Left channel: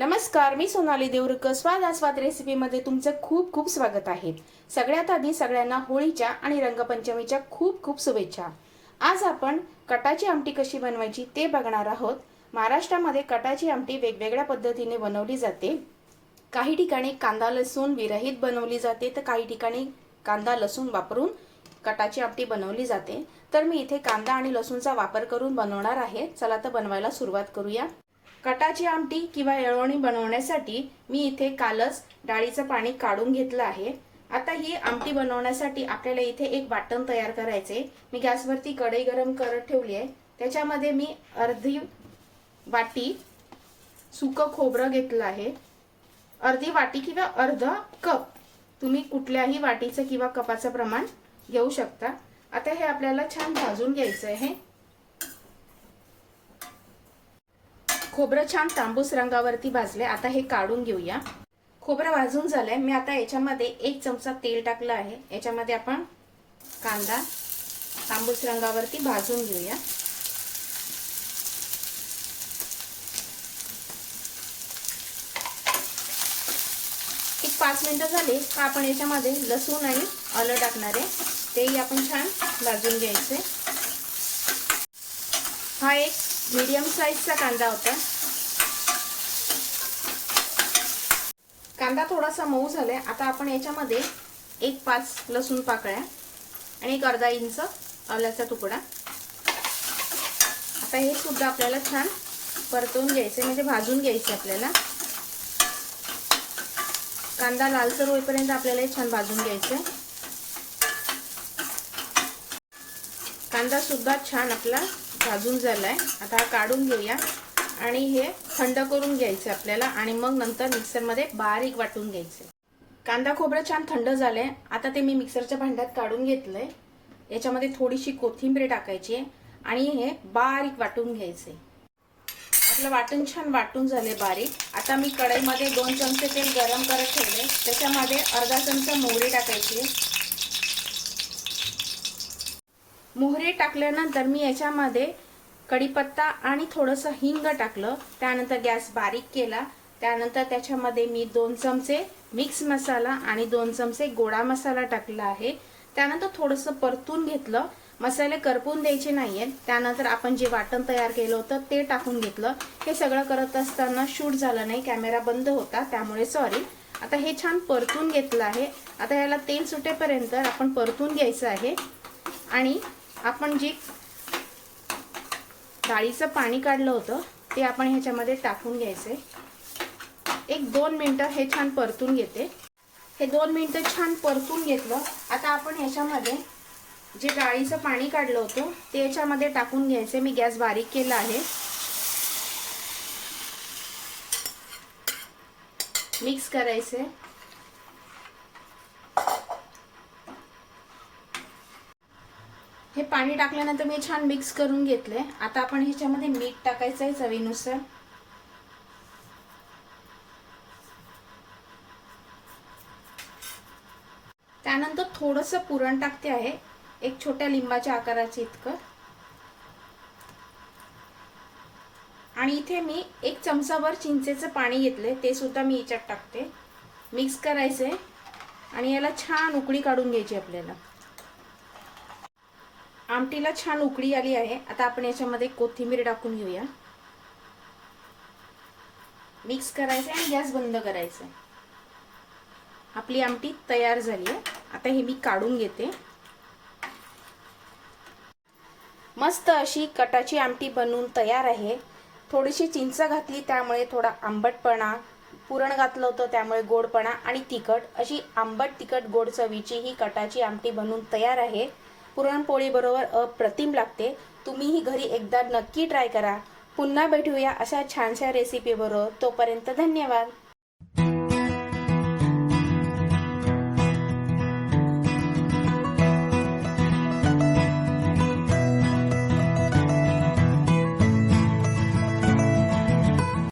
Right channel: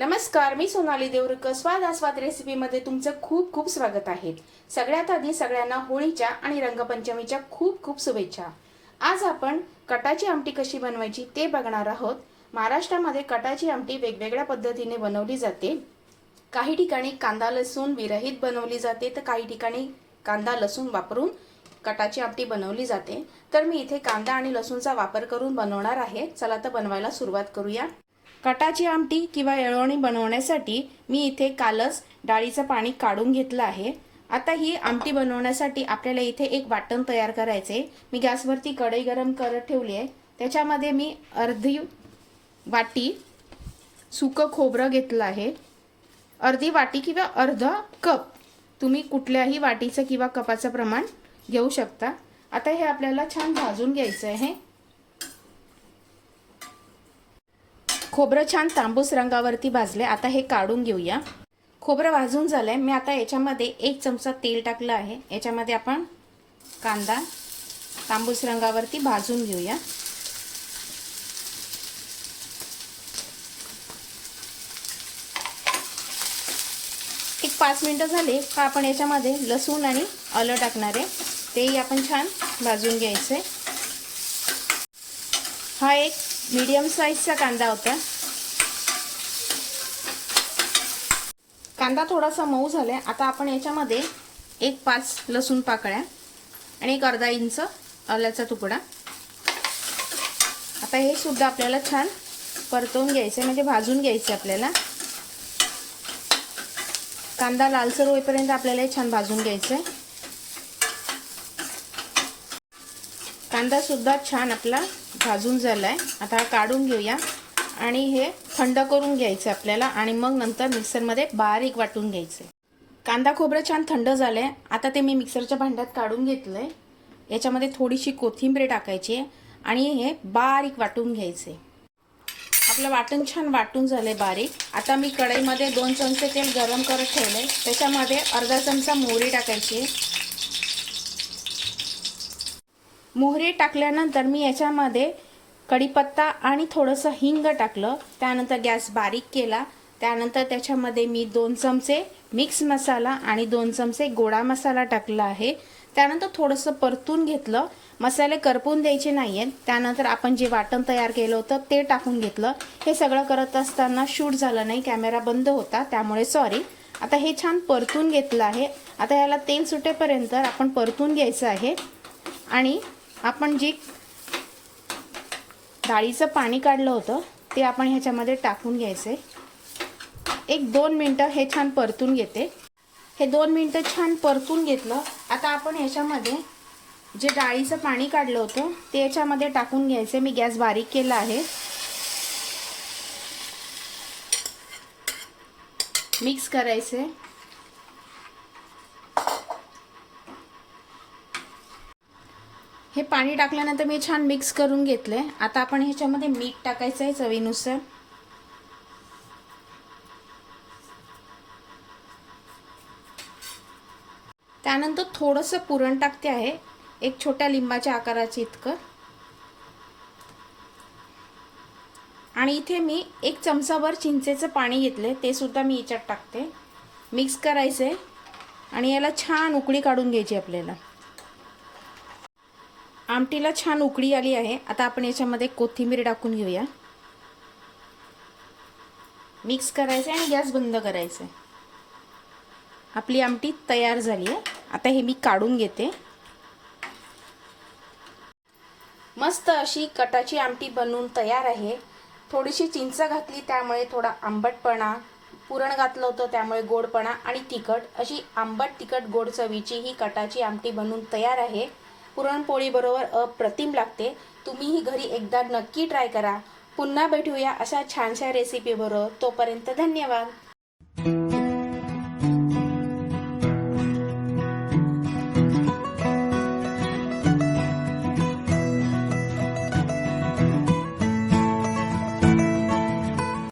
नमस्कार मी सोनाली देवरुकर स्वाद आस्वाद रेसिपीमध्ये तुमचं खूप खूप स्वागत आहे. सगळ्यात आधी सगळ्यांना होळीच्या आणि रंगपंचमीच्या खूप खूप शुभेच्छा. आज आपण कटाची आमटी कशी बनवायची ते बघणार आहोत. महाराष्ट्रामध्ये कटाची आमटी वेगवेगळ्या पद्धतीने बनवली जाते. काही ठिकाणी कांदा लसूण विरहित बनवली जाते तर काही ठिकाणी कांदा लसूण वापरून कटाची आमटी बनवली जाते. तर मी इथे कांदा आणि लसूणचा वापर करून बनवणार आहे. चला तर बनवायला सुरुवात करूया. कटाची आमटी किंवा येळवणी बनवण्यासाठी मी इथे कालच डाळीचं पाणी काढून घेतलं आहे. आता ही आमटी बनवण्यासाठी आपल्याला इथे एक वाटण तयार करायचे. मी गॅसवरती कढई गरम करत ठेवली आहे. त्याच्यामध्ये मी अर्धी वाटी सुकं खोबरं घेतलं आहे. अर्धी वाटी किंवा अर्धा कप. तुम्ही कुठल्याही वाटीचं किंवा कपाचं प्रमाण घेऊ शकता. आता हे आपल्याला छान भाजून घ्यायचं आहे. खोबरं छान तांबूस रंगावरती भाजले. आता हे काढून घेऊया. खोबरं भाजून झालंय. मी आता याच्यामध्ये एक चमचा तेल टाकलं आहे. याच्यामध्ये आपण कांदा तांबूस रंगावरती भाजून घेऊया. एक पाच मिनटं झाले का आपण याच्यामध्ये लसूण आणि आलं टाकणार आहे. तेही आपण छान भाजून घ्यायचे हा एक मीडियम साईजचा कांदा होता. कांदा थोडासा मऊ झालाय. आता आपण याच्यामध्ये एक पाच लसूण पाकळ्या आणि एक अर्धा इंच आल्याचा तुकडा. आता हे सुद्धा आपल्याला छान परतवून घ्यायचं म्हणजे भाजून घ्यायचं आपल्याला. कांदा लालसर होईपर्यंत आपल्याला हे छान भाजून घ्यायचं आहे सुद्धा छान आपला भाजून झाला आहे आता हा काढून घेऊया. आणि हे थंड करून घ्यायचं आपल्याला. आणि मग नंतर मिक्सरमध्ये बारीक वाटून घ्यायचं. कांदा खोबरं छान थंड झालं आहे आता ते मी मिक्सरच्या भांड्यात काढून घेतलं आहे याच्यामध्ये थोडीशी कोथिंबीर टाकायची आणि हे बारीक वाटून घ्यायचे आपलं वाटण छान वाटून झालं बारीक. आता मी कढईमध्ये दोन चमचे तेल गरम करत ठेवले त्याच्यामध्ये अर्धा चमचा मोहरी टाकायची मोहरे टाकल्यानंतर मी याच्यामध्ये कढीपत्ता आणि थोडंसं हिंग टाकलं. त्यानंतर गॅस बारीक केला. त्यानंतर त्याच्यामध्ये मी दोन चमचे मिक्स मसाला आणि दोन चमचे गोडा मसाला टाकला आहे. त्यानंतर थोडंसं परतून घेतलं. मसाले करपून द्यायचे नाही आहेत त्यानंतर आपण जे वाटण तयार केलं होतं ते टाकून घेतलं. हे सगळं करत असताना शूट झालं नाही. कॅमेरा बंद होता. त्यामुळे सॉरी आता हे छान परतून घेतलं आहे. आता याला तेल सुटेपर्यंत आपण परतून घ्यायचं आहे. आणि आपण जी डाळीचं पाणी काढलं होतं ते आपण ह्याच्यामध्ये टाकून घ्यायचे एक दोन मिनटं हे छान परतून घेते. हे दोन मिनटं छान परतून घेतलं आता आपण ह्याच्यामध्ये जे डाळीचं पाणी काढलं होतं ते याच्यामध्ये टाकून घ्यायचे मी गॅस बारीक केला आहे. मिक्स करायचे हे पाणी टाकल्यानंतर मी छान मिक्स करून घेतले. आता आपण ह्याच्यामध्ये मीठ टाकायचं आहे चवीनुसार. त्यानंतर थोडंसं पुरण टाकते आहे. एक छोट्या लिंबाच्या आकाराचे इतकं. आणि इथे मी एक चमचाभर चिंचेचं पाणी घेतले ते सुद्धा मी याच्यात टाकते. मिक्स करायचंय. आणि याला छान उकळी काढून घ्यायची आपल्याला. आमटीला छान उकळी आली आहे. आता आपण याच्यामध्ये कोथिंबीर टाकून घेऊया. मिक्स करायचं आणि गॅस बंद करायचं आपली आमटी तयार झाली आहे. आता हे मी काढून घेते. मस्त अशी कटाची आमटी बनवून तयार आहे. थोडीशी चिंच घातली त्यामुळे थोडा आंबटपणा पुरण घातलं होतं त्यामुळे गोडपणा आणि तिखट. अशी आंबट तिखट गोड चवीची ही कटाची आमटी बनवून तयार आहे. पुरणपोळीबरोबर अप्रतिम लागते. तुम्हीही घरी एकदा नक्की ट्राय करा. पुन्हा भेटूया अशा छानशा रेसिपीबरोबर तोपर्यंत धन्यवाद.